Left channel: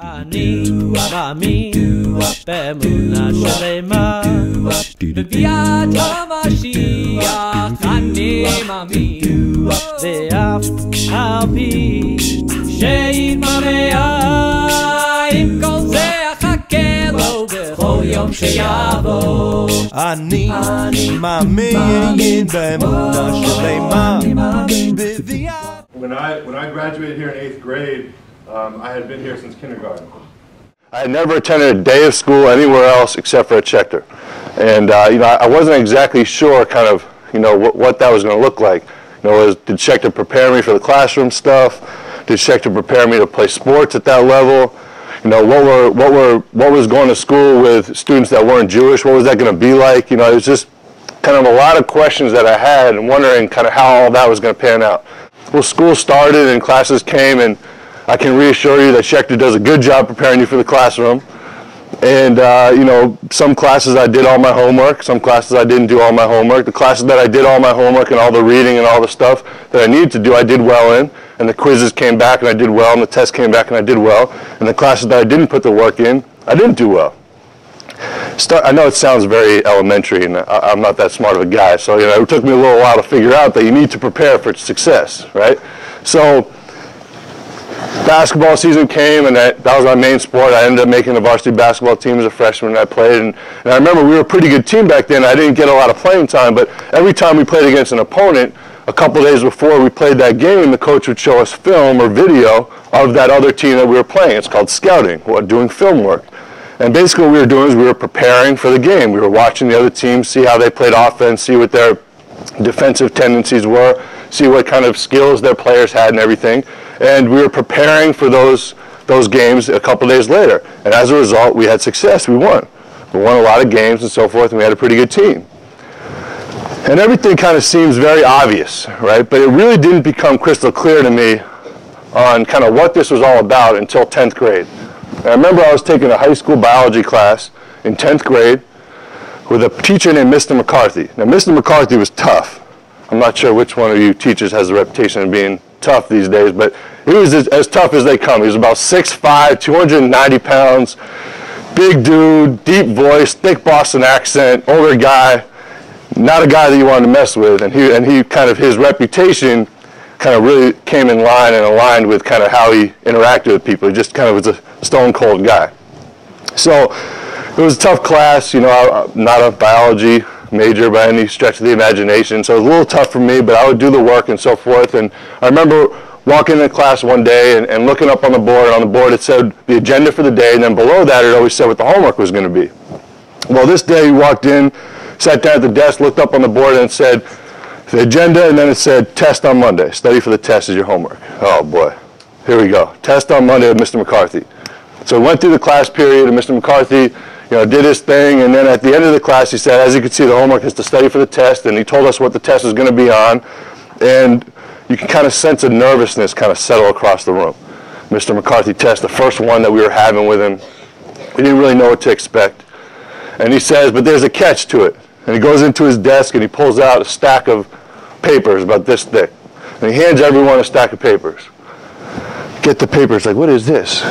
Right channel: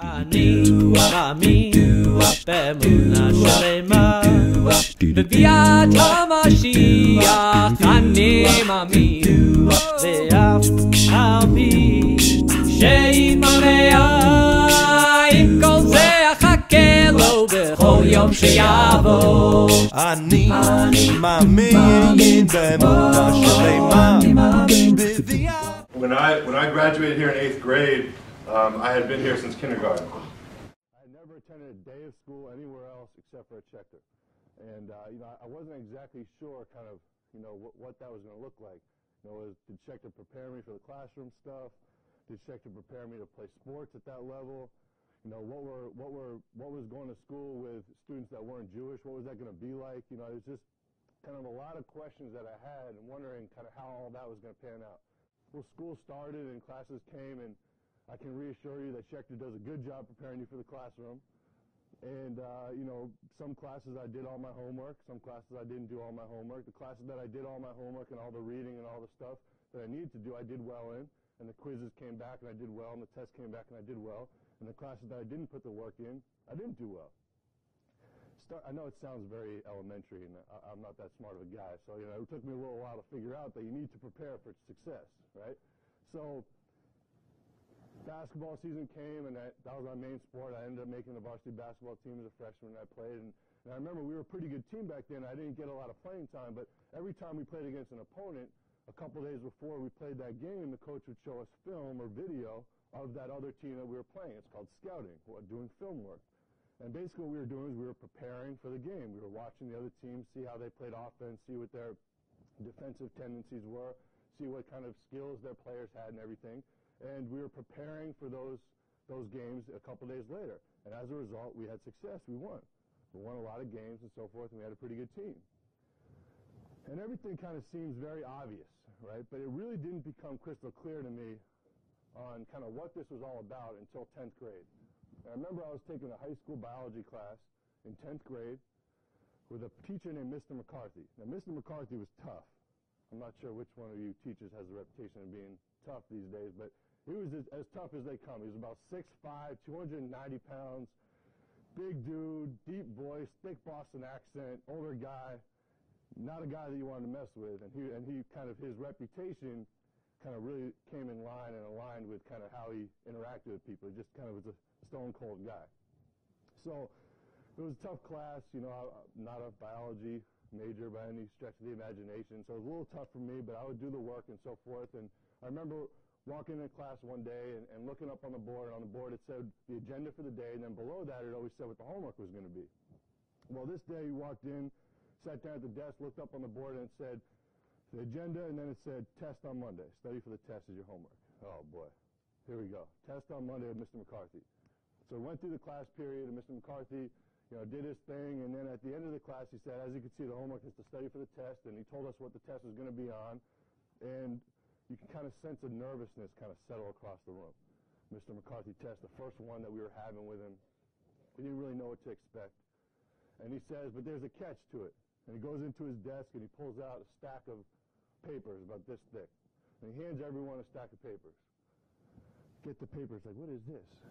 אני מאמין באמונה שלמה בביאת המשיח. אני מאמין ואף על פי שיתמראה עם כל זה אחכה לו בכל יום שיבוא. אני מאמין באמונה שלמה בביאת. When I graduated here in 8th grade, I had been here since kindergarten. I had never attended a day of school anywhere else except for at Schechter. And I wasn't exactly sure kind of, what that was going to look like. Did Schechter prepare me for the classroom stuff? Did Schechter prepare me to play sports at that level? What was going to school with students that weren't Jewish? What was that going to be like? It was just kind of a lot of questions that I had and wondering kind of how all that was going to pan out. Well, school started and classes came, and I can reassure you that Schechter does a good job preparing you for the classroom. And, some classes I did all my homework, some classes I didn't do all my homework. The classes that I did all my homework and all the reading and all the stuff that I needed to do, I did well in. And the quizzes came back and I did well, and the tests came back and I did well. And the classes that I didn't put the work in, I didn't do well. I know it sounds very elementary, and I'm not that smart of a guy, so it took me a little while to figure out that you need to prepare for success, right? So basketball season came, and that was my main sport. I ended up making the varsity basketball team as a freshman, and I played. And I remember we were a pretty good team back then. I didn't get a lot of playing time, but every time we played against an opponent, a couple days before we played that game, the coach would show us film or video of that other team that we were playing. It's called scouting, doing film work. And basically what we were doing is we were preparing for the game. We were watching the other team, see how they played offense, see what their defensive tendencies were, see what kind of skills their players had and everything. And we were preparing for those games a couple days later. And as a result, we had success. We won. We won a lot of games and so forth, and we had a pretty good team. And everything kind of seems very obvious, right? But it really didn't become crystal clear to me on kind of what this was all about until 10th grade. And I remember I was taking a high school biology class in 10th grade with a teacher named Mr. McCarthy. Now, Mr. McCarthy was tough. I'm not sure which one of you teachers has the reputation of being tough these days, but he was as tough as they come. He was about 6'5", 290 pounds, big dude, deep voice, thick Boston accent, older guy, not a guy that you wanted to mess with. And he kind of, his reputation kind of really came in line and aligned with kind of how he interacted with people. He just kind of was a stone cold guy. So it was a tough class. I'm not a biology major by any stretch of the imagination, so it was a little tough for me, but I would do the work and so forth. And I remember walking into class one day and looking up on the board, and on the board it said the agenda for the day, and then below that it always said what the homework was going to be. Well, this day we walked in, sat down at the desk, looked up on the board, and it said the agenda, and then it said test on Monday. Study for the test is your homework. Oh boy, here we go. Test on Monday with Mr. McCarthy. So we went through the class period, and Mr. McCarthy did his thing, and then at the end of the class he said, as you can see, the homework is to study for the test, and he told us what the test was going to be on, and you can kind of sense a nervousness kind of settle across the room. Mr. McCarthy test, the first one that we were having with him, we didn't really know what to expect. And he says, but there's a catch to it. And he goes into his desk and he pulls out a stack of papers about this thick. And he hands everyone a stack of papers. Get the papers, like, what is this?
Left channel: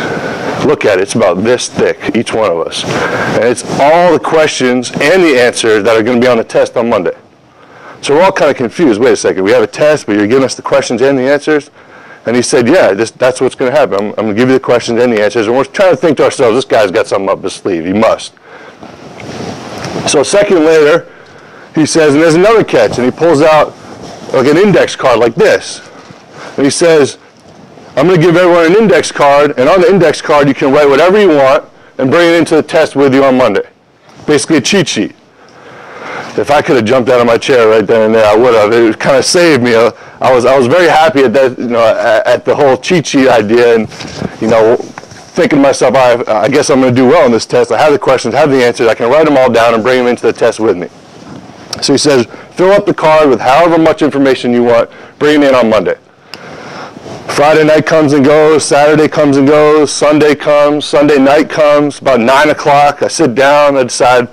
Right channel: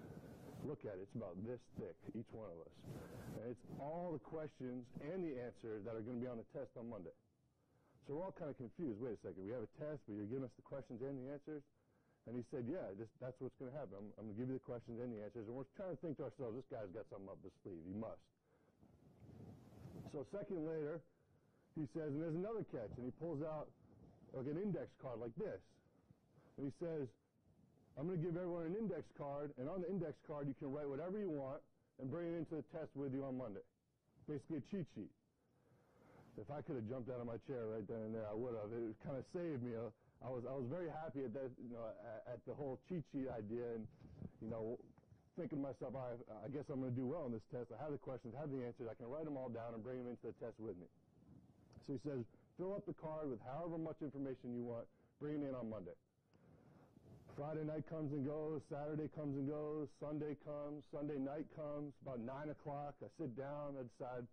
Look at it, it's about this thick, each one of us. And it's all the questions and the answers that are going to be on the test on Monday. So we're all kind of confused. Wait a second, we have a test, but you're giving us the questions and the answers? And he said, yeah, that's what's going to happen. I'm going to give you the questions and the answers. And we're trying to think to ourselves, this guy's got something up his sleeve. He must. So a second later, he says, and there's another catch. And he pulls out like an index card like this. And he says, I'm going to give everyone an index card, and on the index card you can write whatever you want and bring it into the test with you on Monday. Basically a cheat sheet. If I could have jumped out of my chair right then and there, I would have. It kind of saved me. I was very happy at that, at the whole cheat sheet idea, and thinking to myself, I guess I'm going to do well on this test. I have the questions, have the answers. I can write them all down and bring them into the test with me. So he says, fill up the card with however much information you want. Bring it in on Monday. Friday night comes and goes, Saturday comes and goes, Sunday comes, Sunday night comes, about 9 o'clock, I sit down, I decide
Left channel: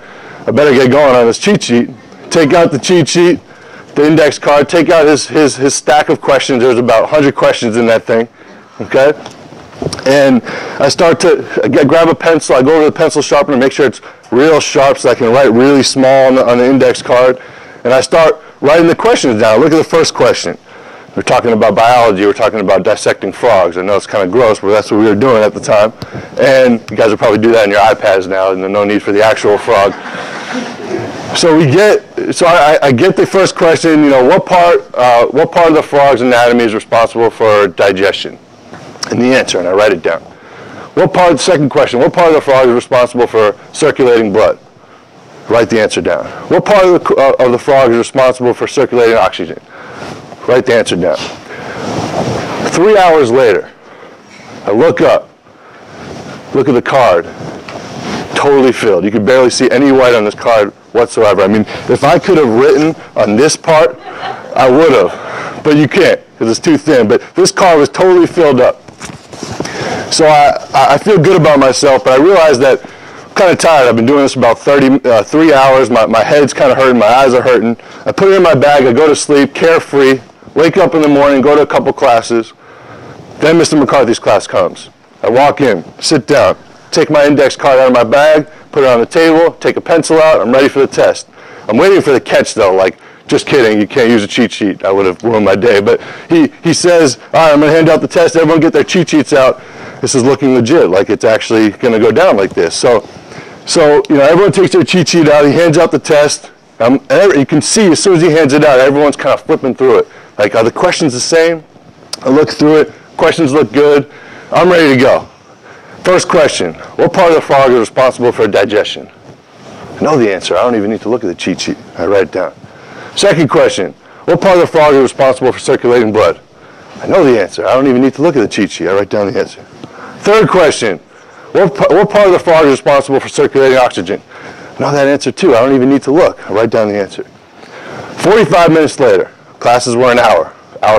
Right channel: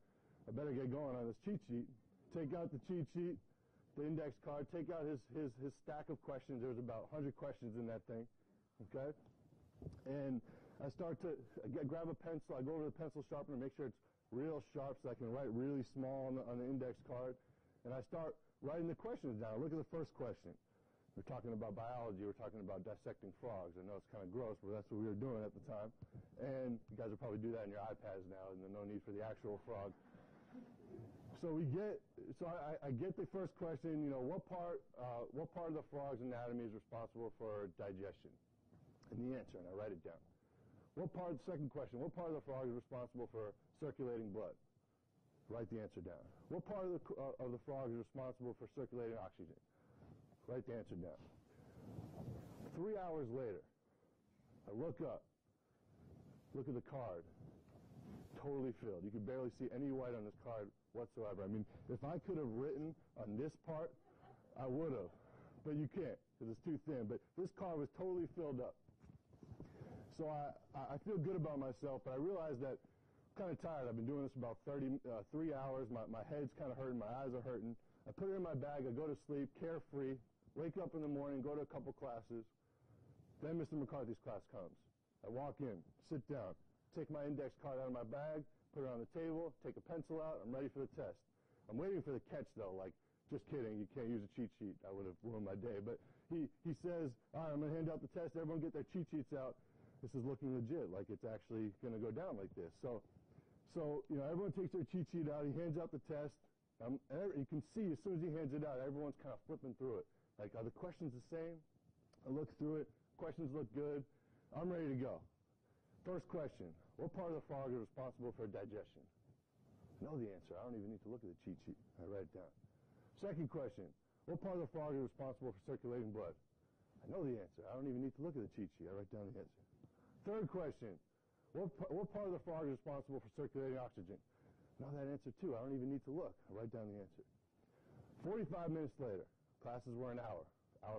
I better get going on this cheat sheet. Take out the cheat sheet, the index card, take out his stack of questions. There's about 100 questions in that thing, okay? And I start to grab a pencil. I go over to the pencil sharpener, make sure it's real sharp so I can write really small on the index card. And I start writing the questions down. Look at the first question. We're talking about biology. We're talking about dissecting frogs. I know it's kind of gross, but that's what we were doing at the time. And you guys will probably do that on your iPads now, and there's no need for the actual frog. So I get the first question. You know, what part of the frog's anatomy is responsible for digestion? And the answer, and I write it down. Second question, what part of the frog is responsible for circulating blood? Write the answer down. What part of the frog is responsible for circulating oxygen? Write the answer down. 3 hours later, I look up, look at the card, totally filled. You could barely see any white on this card whatsoever. I mean, if I could have written on this part, I would have, but you can't because it's too thin. But this card was totally filled up. So I feel good about myself, but I realize that I'm kind of tired. I've been doing this about 3 hours. My head's kind of hurting. My eyes are hurting. I put it in my bag. I go to sleep, carefree, wake up in the morning, go to a couple classes. Then Mr. McCarthy's class comes. I walk in, sit down, take my index card out of my bag, put it on the table, take a pencil out. I'm ready for the test. I'm waiting for the catch, though, like, just kidding, you can't use a cheat sheet. I would have ruined my day. But he says, all right, I'm going to hand out the test. Everyone get their cheat sheets out. This is looking legit, like it's actually going to go down like this. So you know, everyone takes their cheat sheet out. He hands out the test. And you can see as soon as he hands it out, everyone's kind of flipping through it. Like, are the questions the same? I look through it. Questions look good. I'm ready to go. First question, what part of the frog is responsible for digestion? I know the answer. I don't even need to look at the cheat sheet. I write it down. Second question, what part of the frog is responsible for circulating blood? I know the answer. I don't even need to look at the cheat sheet. I write down the answer. Third question, what part of the frog is responsible for circulating oxygen? I know that answer too. I don't even need to look. I write down the answer. 45 minutes later, classes were an hour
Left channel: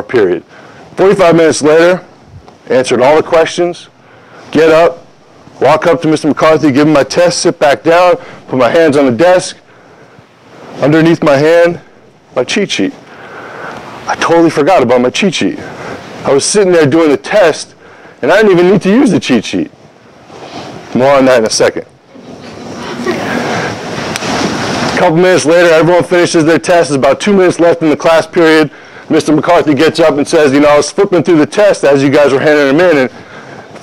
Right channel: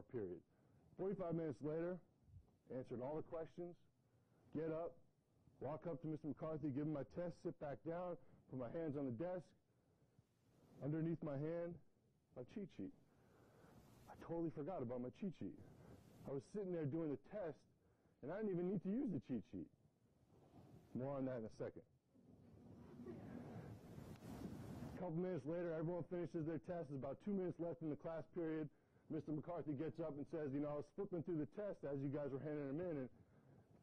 period. 45 minutes later, answered all the questions, get up, walk up to Mr. McCarthy, give him my test, sit back down, put my hands on the desk. Underneath my hand, my cheat sheet. I totally forgot about my cheat sheet. I was sitting there doing the test, and I didn't even need to use the cheat sheet. More on that in a second. A couple minutes later, everyone finishes their test. There's about 2 minutes left in the class period. Mr. McCarthy gets up and says, you know, I was flipping through the test as you guys were handing them in, and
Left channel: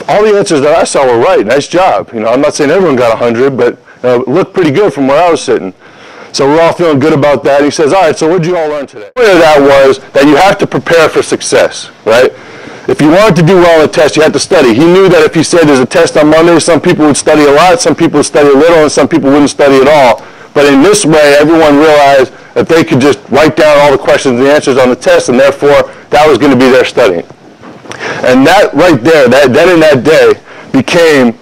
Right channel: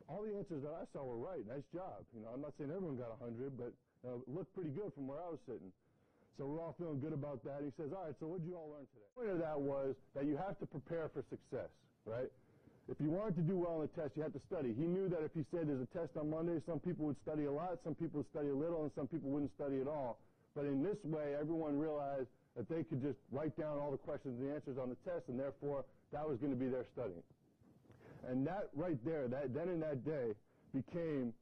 all the answers that I saw were right. Nice job. You know, I'm not saying everyone got 100, but it looked pretty good from where I was sitting. So we're all feeling good about that. He says, all right, so what did you all learn today? The point of that was that you have to prepare for success, right? If you wanted to do well on a test, you had to study. He knew that if he said there's a test on Monday, some people would study a lot, some people would study a little, and some people wouldn't study at all. But in this way, everyone realized that they could just write down all the questions and the answers on the test, and therefore, that was going to be their studying. And that right there, then in that day, became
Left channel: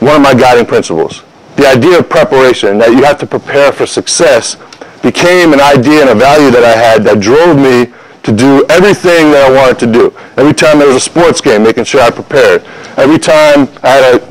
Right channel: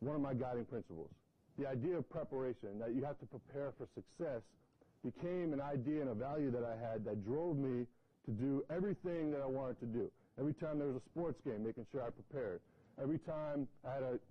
one of my guiding principles. The idea of preparation, that you have to prepare for success, became an idea and a value that I had that drove me to do everything that I wanted to do. Every time there was a sports game, making sure I prepared. Every time I had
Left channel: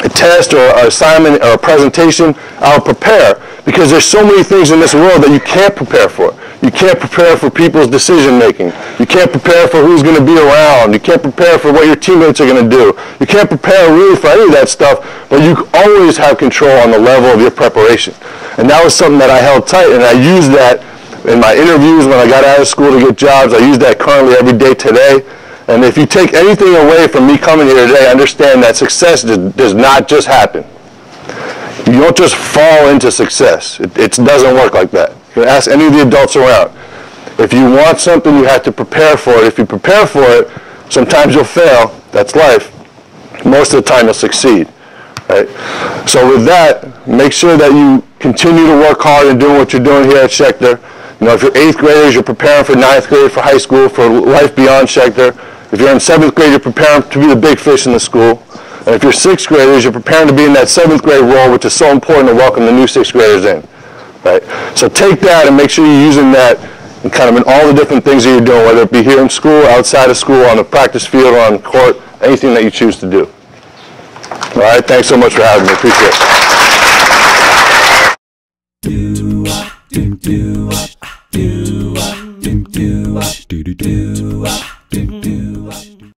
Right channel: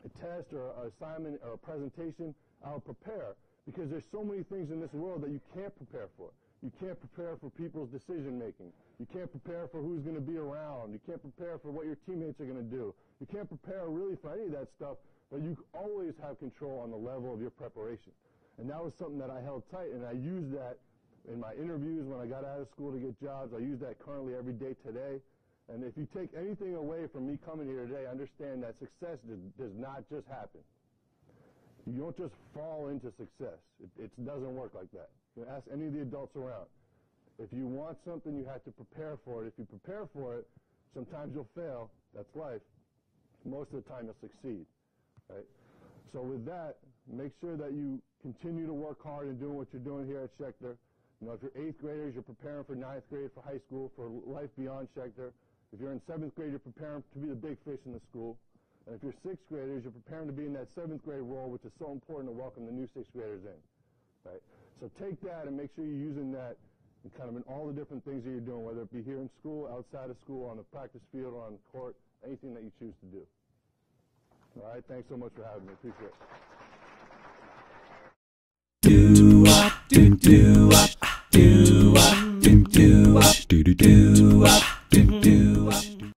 a test or an assignment or a presentation, I would prepare. Because there's so many things in this world that you can't prepare for. You can't prepare for people's decision making. You can't prepare for who's going to be around. You can't prepare for what your teammates are going to do. You can't prepare really for any of that stuff, but you always have control on the level of your preparation. And that was something that I held tight, and I used that in my interviews when I got out of school to get jobs. I use that currently every day today. And if you take anything away from me coming here today, understand that success does not just happen. You don't just fall into success. It doesn't work like that. You can ask any of the adults around. If you want something, you have to prepare for it. If you prepare for it, sometimes you'll fail. That's life. Most of the time, you'll succeed. Right? So with that, make sure that you continue to work hard in doing what you're doing here at Schechter. You know, if you're 8th graders, you're preparing for 9th grade, for high school, for life beyond Schechter. If you're in 7th grade, you're preparing to be the big fish in the school. And if you're 6th graders, you're preparing to be in that 7th grade role, which is so important to welcome the new 6th graders in. Right? So take that and make sure you're using that in kind of in all the different things that you're doing, whether it be here in school, outside of school, on the practice field, or on the court, anything that you choose to do. All right, thanks so much for having me. Appreciate it.